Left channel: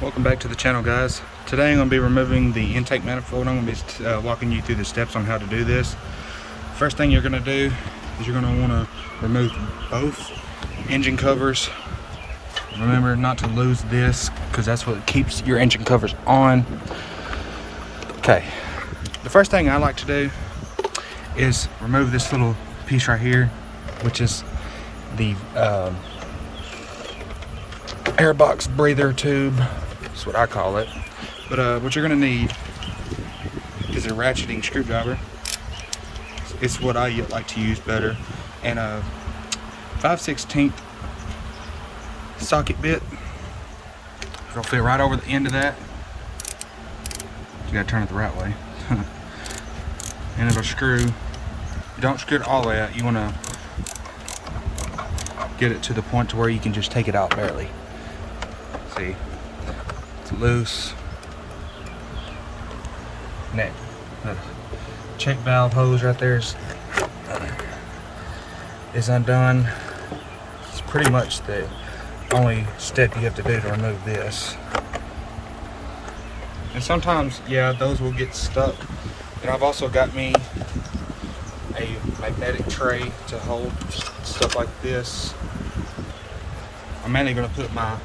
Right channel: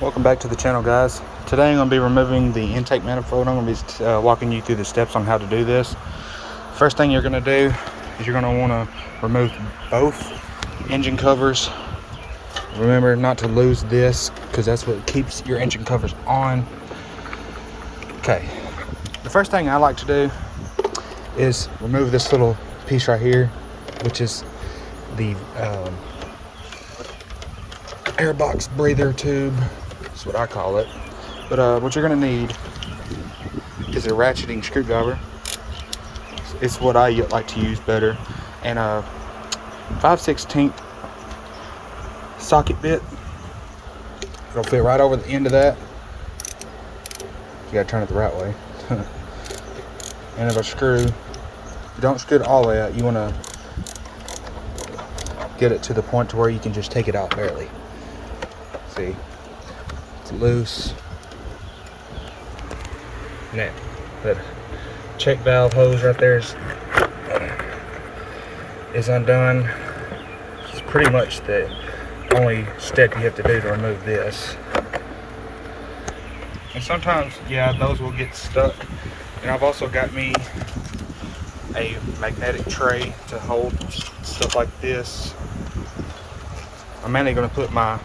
Welcome back to the channel, guys. Today I'm going to be removing the intake manifold. I'm going to be walking you through the steps on how to do this. First thing you're going to do is you're going to want to remove both engine covers. Remember not to lose this because that's what keeps your engine covers on. Okay, the first thing I like to do is remove this little piece right here, which is the airbox breather tube. That's what I call it. But what you're gonna need is a ratcheting screwdriver. It's what I like to use better, and a 5/16 socket bit. It'll fit right over the end of that. You gotta turn it the right way. And it'll screw. You don't screw it all the way out. You wanna get it to the point to where you can just take it out barely. See, it's loose. And that check valve hose right there is undone. It's pretty much the only step you have to do to remove this. And sometimes, yeah, those will get stuck. And I've also got me a magnetic tray to hold stuff like this. I'm mainly going to put my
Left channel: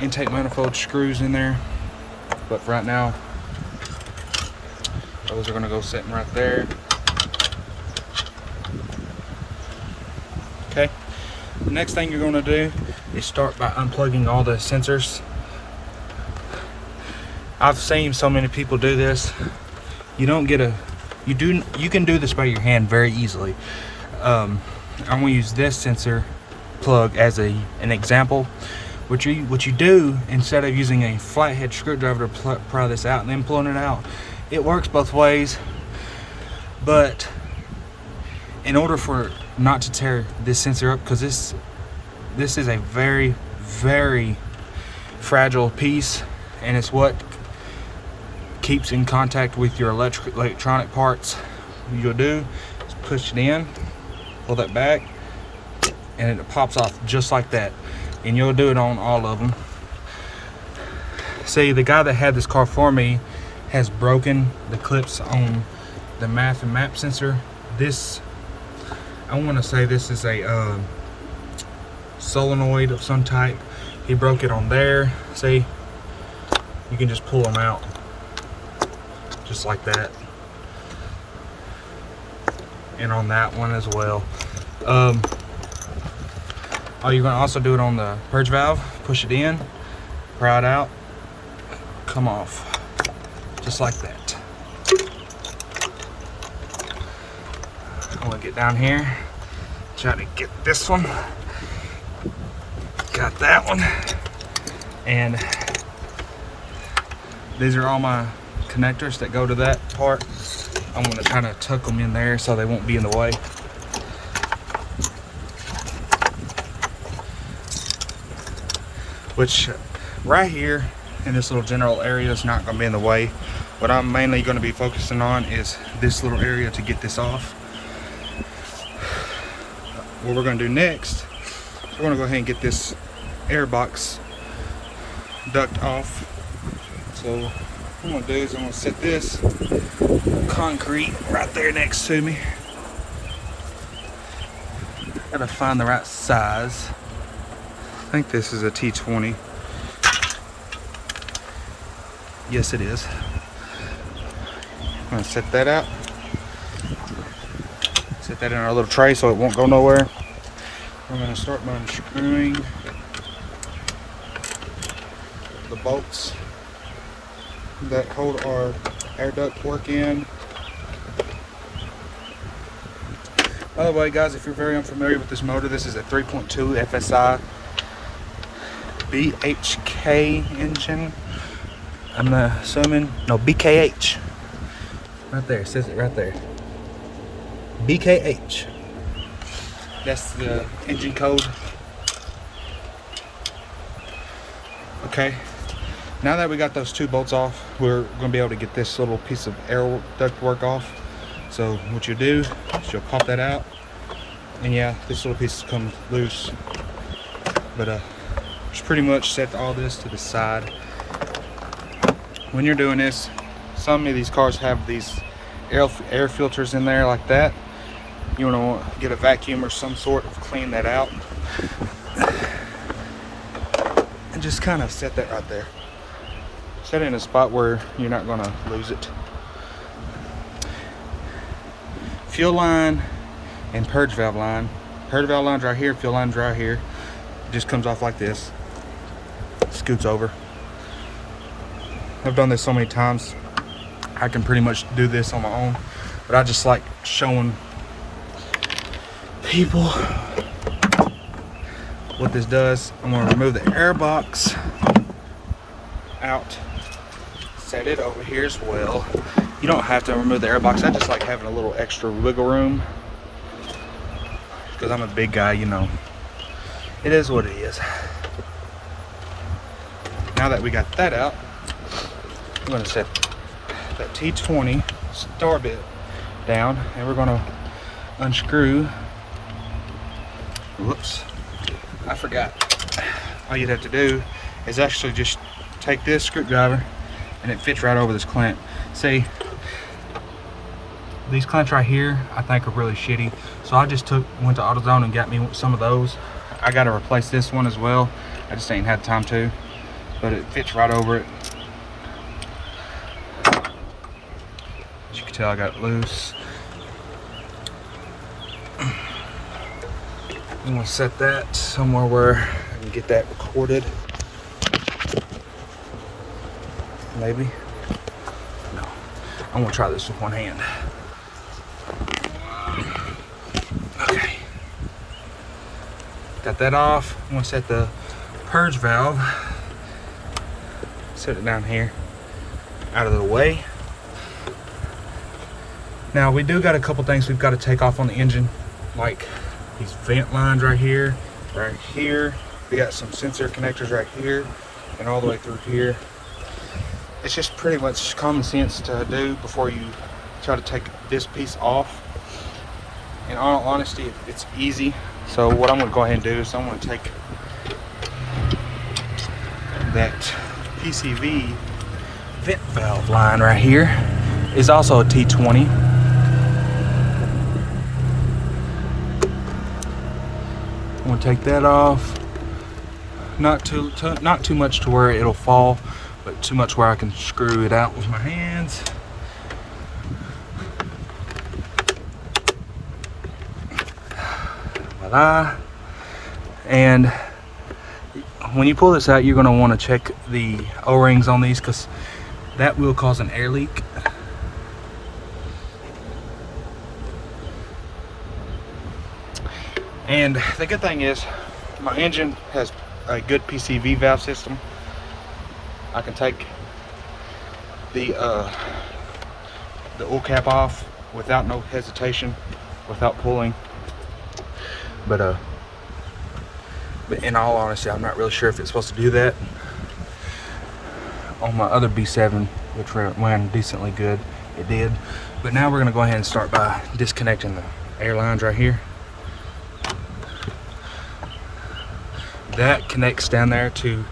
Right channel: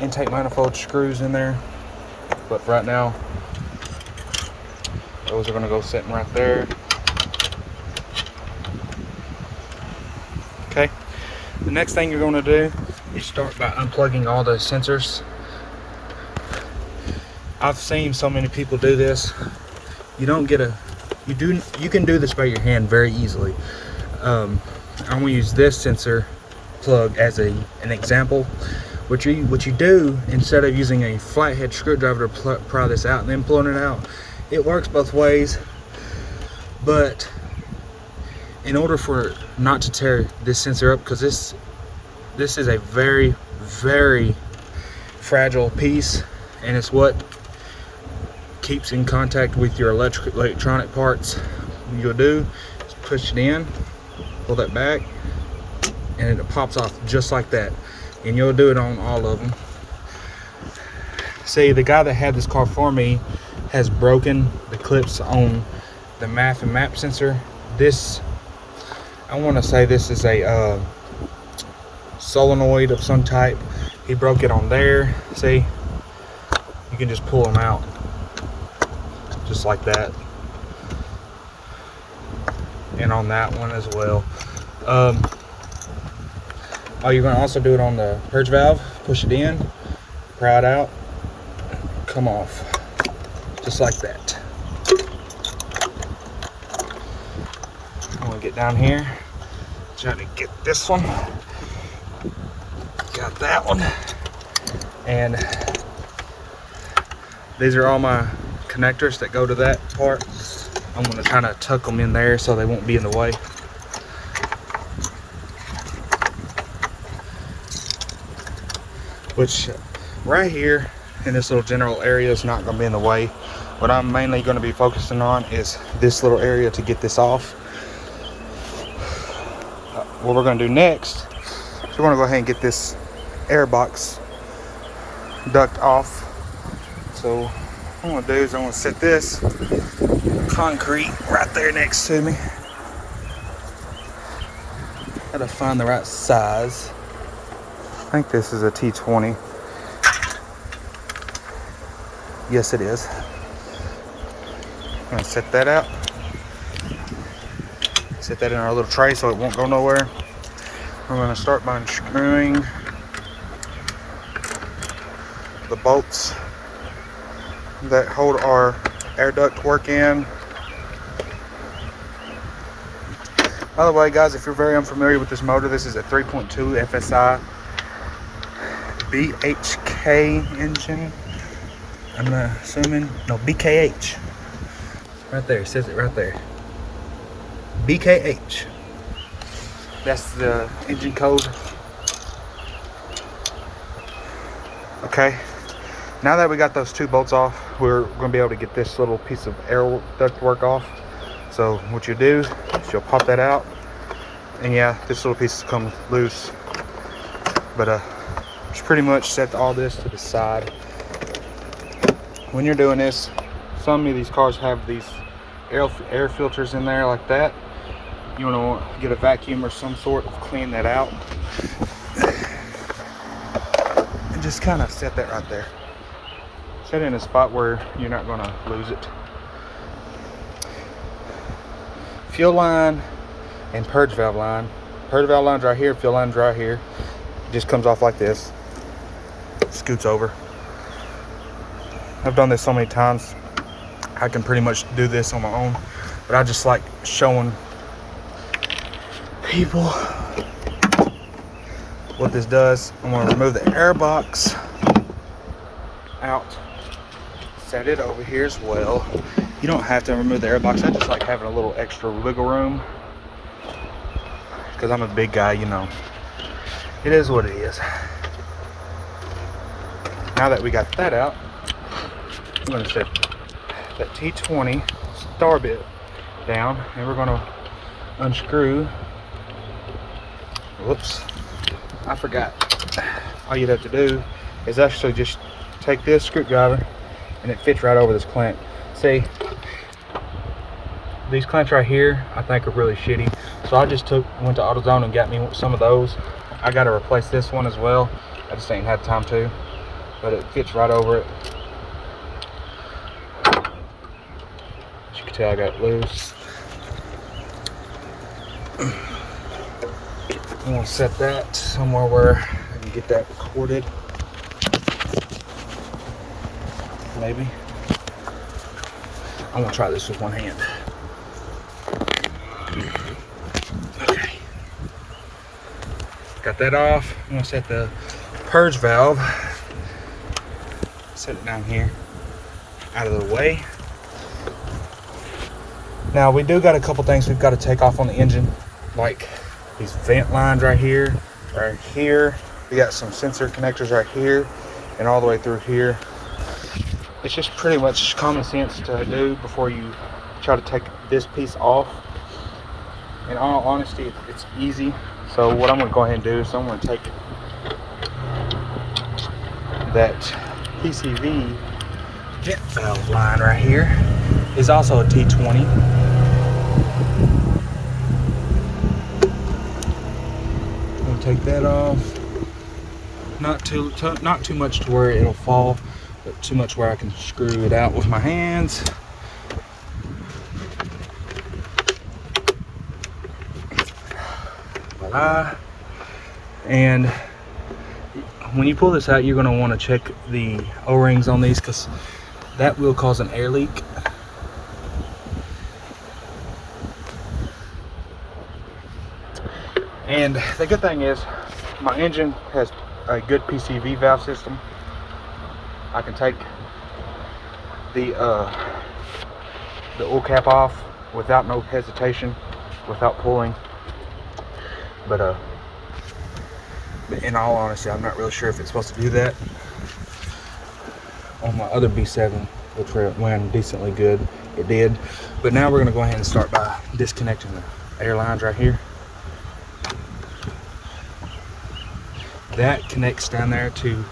intake manifold screws in there, but for right now those are going to go sitting right there. Okay, the next thing you're going to do is start by unplugging all the sensors. I've seen so many people do this. You can do this by your hand very easily. I'm going to use this sensor plug as an example. What you do, instead of using a flathead screwdriver to pry this out and then pulling it out, it works both ways. But in order for not to tear this sensor up, because this is a very, very fragile piece, and it's what keeps in contact with your electronic parts, what you'll do is push it in, pull that back, and it pops off just like that. And you'll do it on all of them. See, the guy that had this car for me has broken the clips on the MAF and MAP sensor. This, I want to say this is a solenoid of some type. He broke it on there. See, you can just pull them out just like that, and on that one as well. Oh, you're going to also do it on the purge valve. Push it in, pry it out, come off, just like that. I'm going to get down here, try to get this one. Got that one. And these are all my connectors that go to that part. I'm going to try to tuck them in there so they won't be in the way. Which right here in this little general area is not going to be in the way. What I'm mainly going to be focusing on is this little area to get this off. What we're going to do next is we're going to go ahead and get this air box duct off. So what I'm going to do is I'm going to set this concrete right there next to me. Gotta find the right size. I think this is a T20. Yes, it is. I'm gonna set that out. Set that in our little tray so it won't go nowhere. I'm gonna start by unscrewing the bolts that hold our air duct work in. By the way, guys, if you're very unfamiliar with this motor, this is a 3.2 FSI BHK engine. I'm assuming, no, BKH. Right there, it says it right there. BKH. That's the engine code. Okay. Now that we got those two bolts off, we're going to be able to get this little piece of air duct work off. So what you do is you'll pop that out, and yeah, this little piece comes loose, but Just pretty much set all this to the side. When you're doing this, some of these cars have these air filters in there like that. You want to get a vacuum or some sort of clean that out. And just kind of set that right there. Set it in a spot where you're not going to lose it. Fuel line and purge valve line. Purge valve line's right here, fuel line's right here. It just comes off like this. Scoots over. I've done this so many times, I can pretty much do this on my own, but I just like showing people what this does. I'm going to remove the air box out, set it over here as well. You don't have to remove the air box. I just like having a little extra wiggle room because I'm a big guy, you know. It is what it is. Now that we got that out, I'm going to set that T20 star bit down, and we're going to unscrew. Whoops, I forgot. All you'd have to do is actually just take this screwdriver, and it fits right over this clamp. See, these clamps right here I think are really shitty, so I just went to AutoZone and got me some of those. I got to replace this one as well. I just ain't had time to, but it fits right over it. As you can tell, I got it loose. I'm gonna set that somewhere where I can get that recorded. Maybe. I'm gonna try this with one hand. Okay. Got that off. I'm gonna set the purge valve. Set it down here, out of the way. Now we do got a couple things we've got to take off on the engine, like these vent lines right here, right here. We got some sensor connectors right here and all the way through here. It's just pretty much common sense to do before you try to take this piece off. In all honesty, it's easy. So what I'm going to go ahead and do is I'm going to take that PCV vent valve line right here. Is also a T20. I'm going to take that off. Not too much to where it'll fall, but too much where I can screw it out with my hands. Voila. And when you pull this out, you're going to want to check the O-rings on these, because that will cause an air leak. And the good thing is my engine has a good PCV valve system. I can take the oil cap off without no hesitation, without pulling. But in all honesty, I'm not really sure if it's supposed to do that. On my other B7, which ran decently good, it did. But now we're gonna go ahead and start by disconnecting the air lines right here. That connects down there to,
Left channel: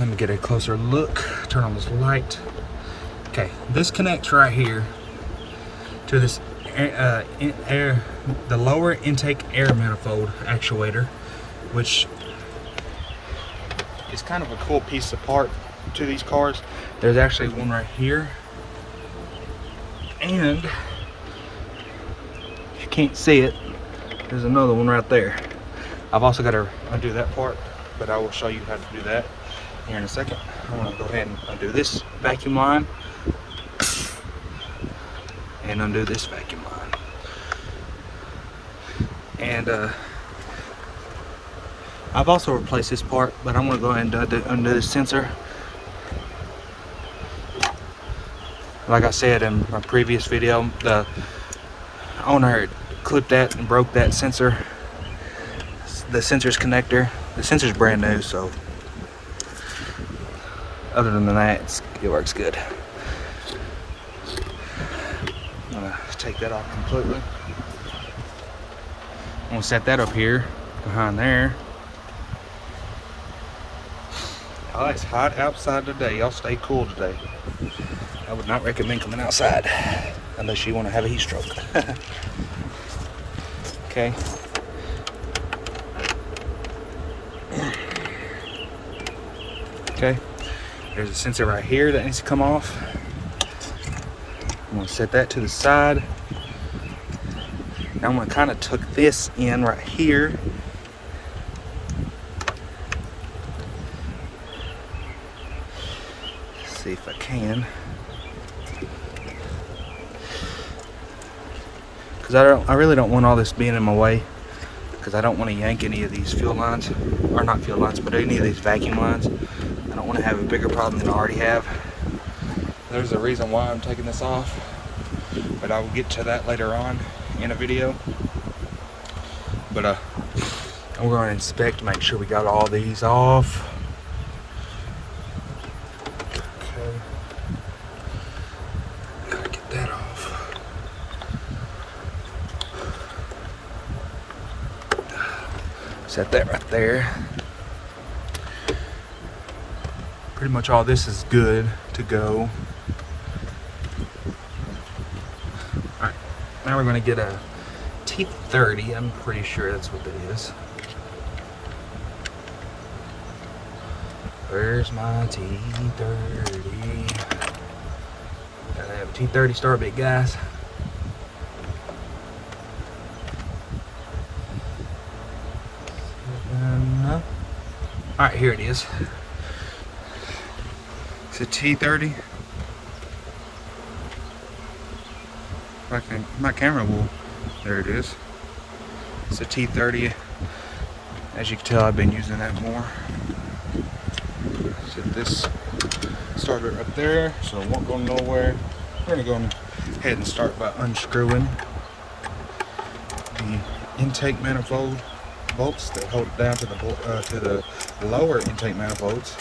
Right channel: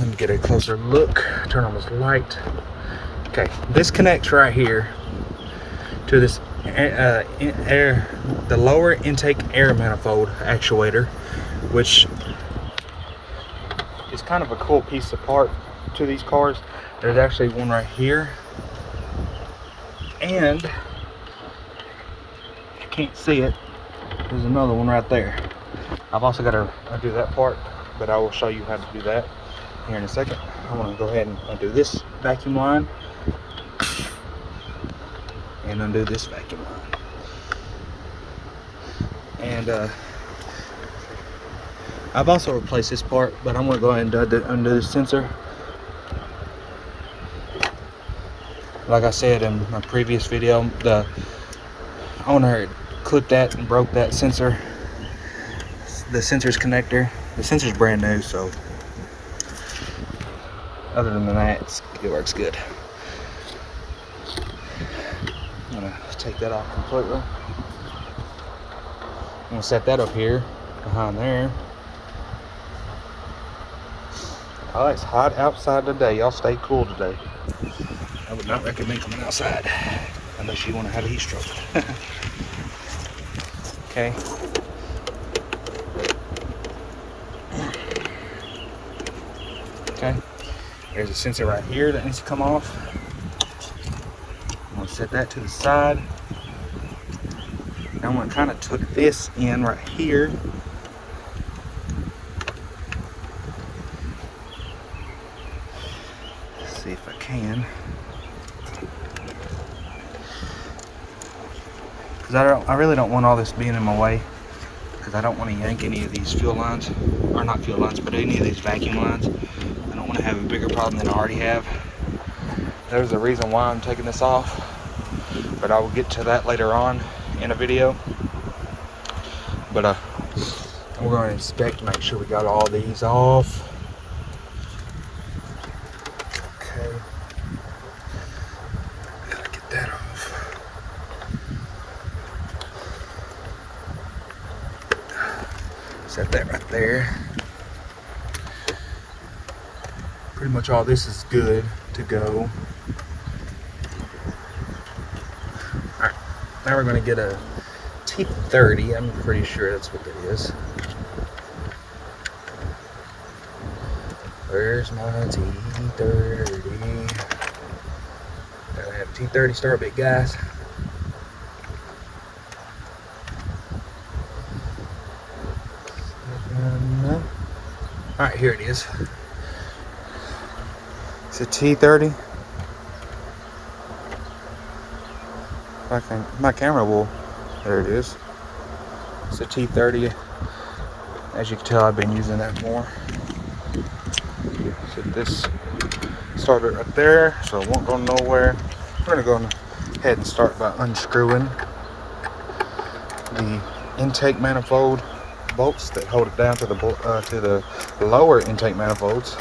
let me get a closer look, turn on this light. Okay, this connects right here to this the lower intake air manifold actuator, which is kind of a cool piece of part to these cars. There's actually one right here, and if you can't see it, there's another one right there. I've also got to undo that part, but I will show you how to do that here in a second. I'm going to go ahead and undo this vacuum line and undo this vacuum line. And I've also replaced this part, but I'm going to go ahead and undo this sensor. Like I said in my previous video, the owner had clipped that and broke that sensor. The sensor's connector. The sensor's brand new, so other than that, it works good. I'm gonna take that off completely. I'm gonna set that up here behind there. Oh, it's hot outside today. Y'all stay cool today. I would not recommend coming outside unless you want to have a heat stroke. Okay. Okay. There's a sensor right here that needs to come off. I'm going to set that to the side. Now I'm going to kind of tuck this in right here. Let's see if I can. Because I really don't want all this being in my way. Because I don't want to yank any of these fuel lines. Or not fuel lines, but any of these vacuum lines. I don't want to have a bigger problem than I already have. There's a reason why I'm taking this off. But I will get to that later on in a video. But we're going to inspect, make sure we got all these off. Okay. Gotta get that off. Set that right there. Pretty much all this is good to go. Alright, now we're going to get a T30. I'm pretty sure that's what that is. Where's my T30? Gotta have a T30 start bit, guys. Alright, here it is. It's a T30. My camera will. There it is. It's a T30. As you can tell, I've been using that more. Get this start bit right there, so it won't go nowhere. We're gonna go ahead and start by unscrewing the intake manifold bolts that hold it down to the lower intake manifolds.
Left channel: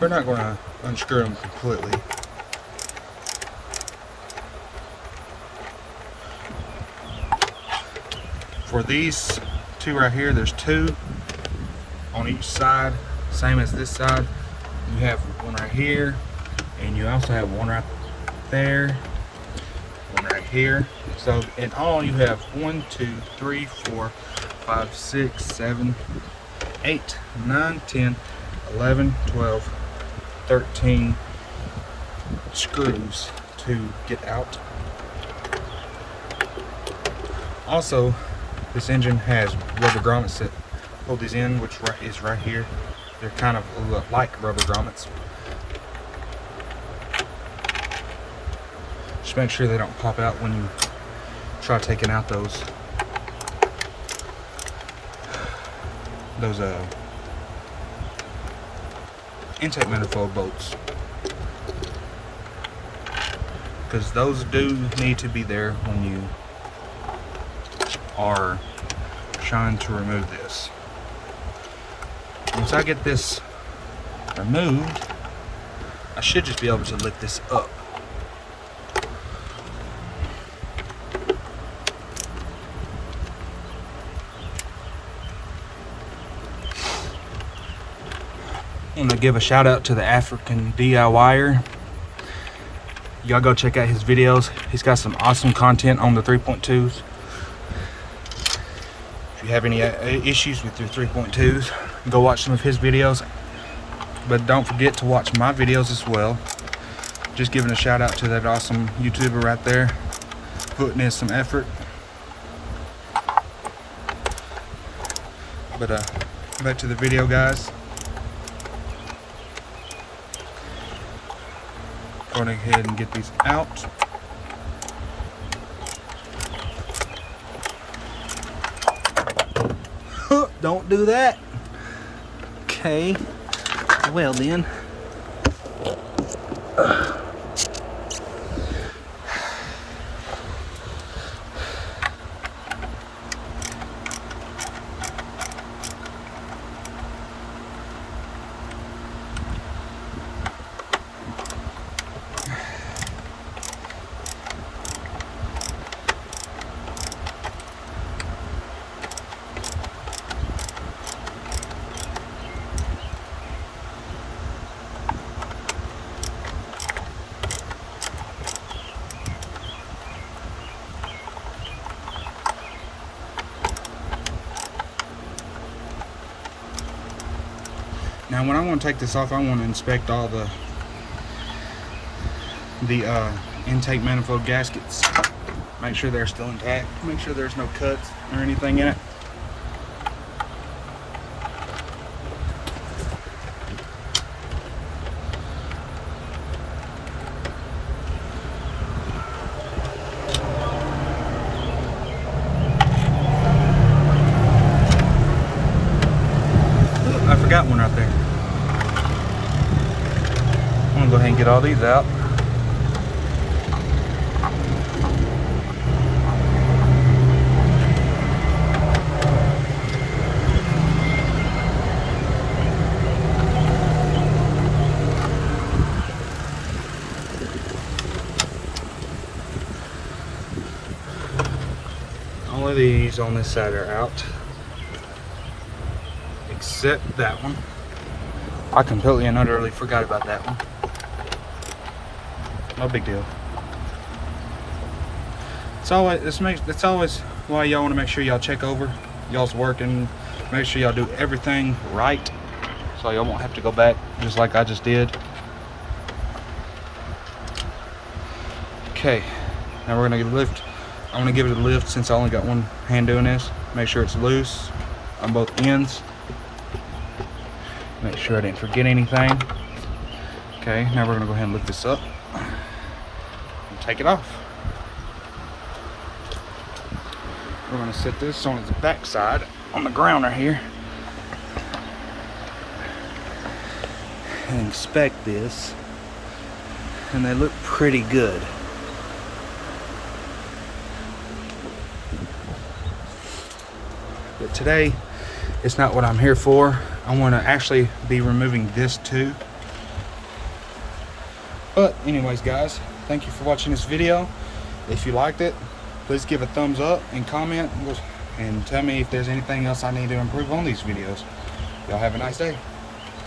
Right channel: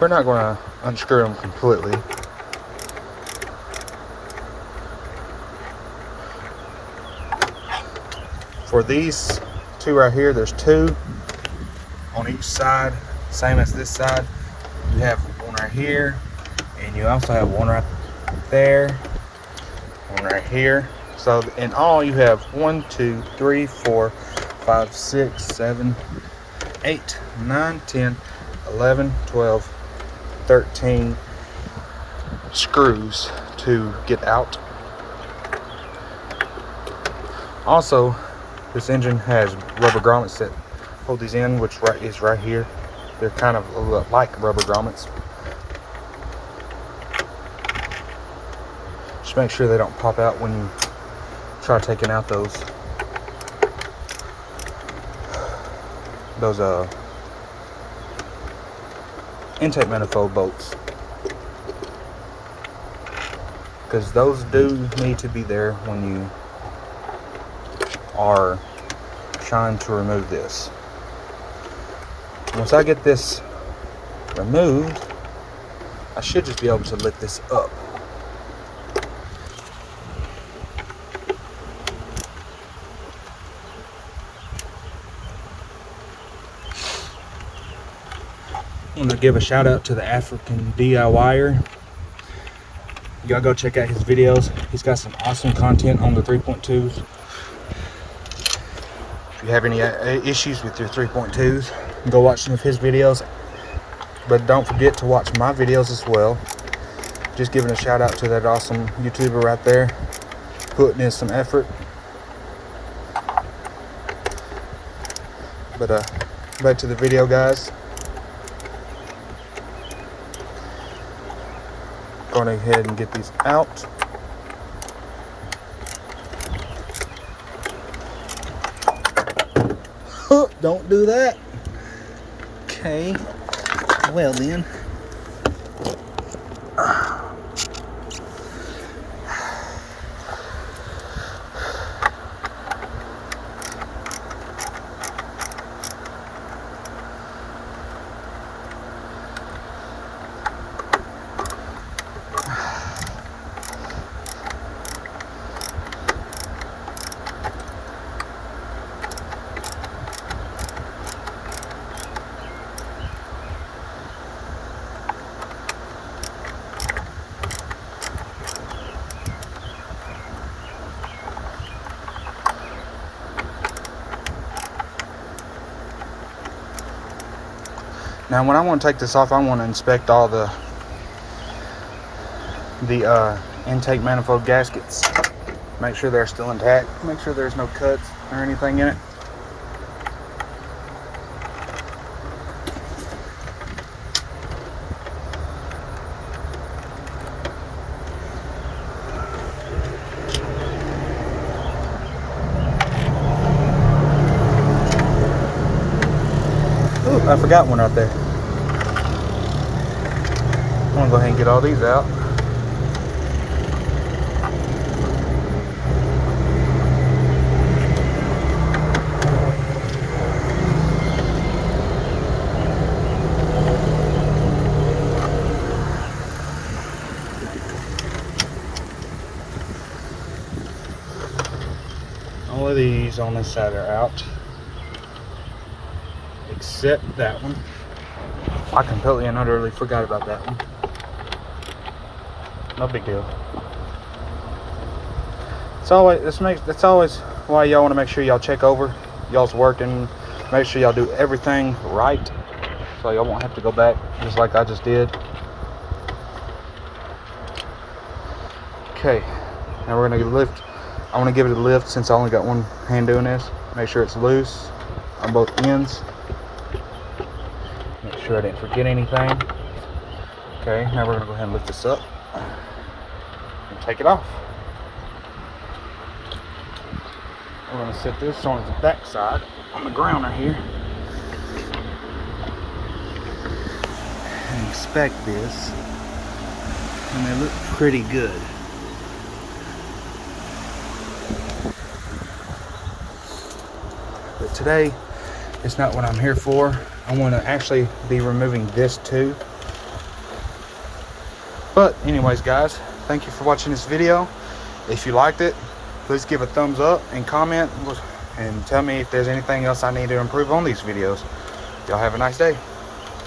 We're not going to unscrew them completely. For these two right here, there's two on each side, same as this side. You have one right here, and you also have one right there, one right here. So in all, you have 1, 2, 3, 4, 5, 6, 7, 8, 9, 10, 11, 12, 13 screws to get out. Also, this engine has rubber grommets that hold these in, which is right here. They're kind of like rubber grommets. Just make sure they don't pop out when you try taking out those intake manifold bolts, because those do need to be there when you are trying to remove this. Once I get this removed, I should just be able to lift this up. I want to give a shout out to the African DIYer. Y'all go check out his videos. He's got some awesome content on the 3.2s. If you have any issues with your 3.2s, go watch some of his videos. But don't forget to watch my videos as well. Just giving a shout out to that awesome YouTuber right there, putting in some effort. But back to the video, guys. Going ahead and get these out. Don't do that. Okay. Well then. Now when I want to take this off, I want to inspect all the intake manifold gaskets. Make sure they're still intact. Make sure there's no cuts or anything in it. Ooh, I forgot one right there. I'm gonna go ahead and get all these out. All of these on this side are out, except that one. I completely and utterly forgot about that one. No big deal. It's always why y'all want to make sure y'all check over y'all's working, make sure y'all do everything right, so y'all won't have to go back just like I just did. Okay, now we're gonna lift. I want to give it a lift since I only got one hand doing this. Make sure it's loose on both ends. Make sure I didn't forget anything. Okay, now we're gonna go ahead and lift this up and take it off. We're gonna set this on its back side on the grounder here and inspect this, and they look pretty good. But today, it's not what I'm here for. I want to actually be removing this too. But anyways, guys, thank you for watching this video. If you liked it, please give a thumbs up and comment and tell me if there's anything else I need to improve on these videos. Y'all have a nice day.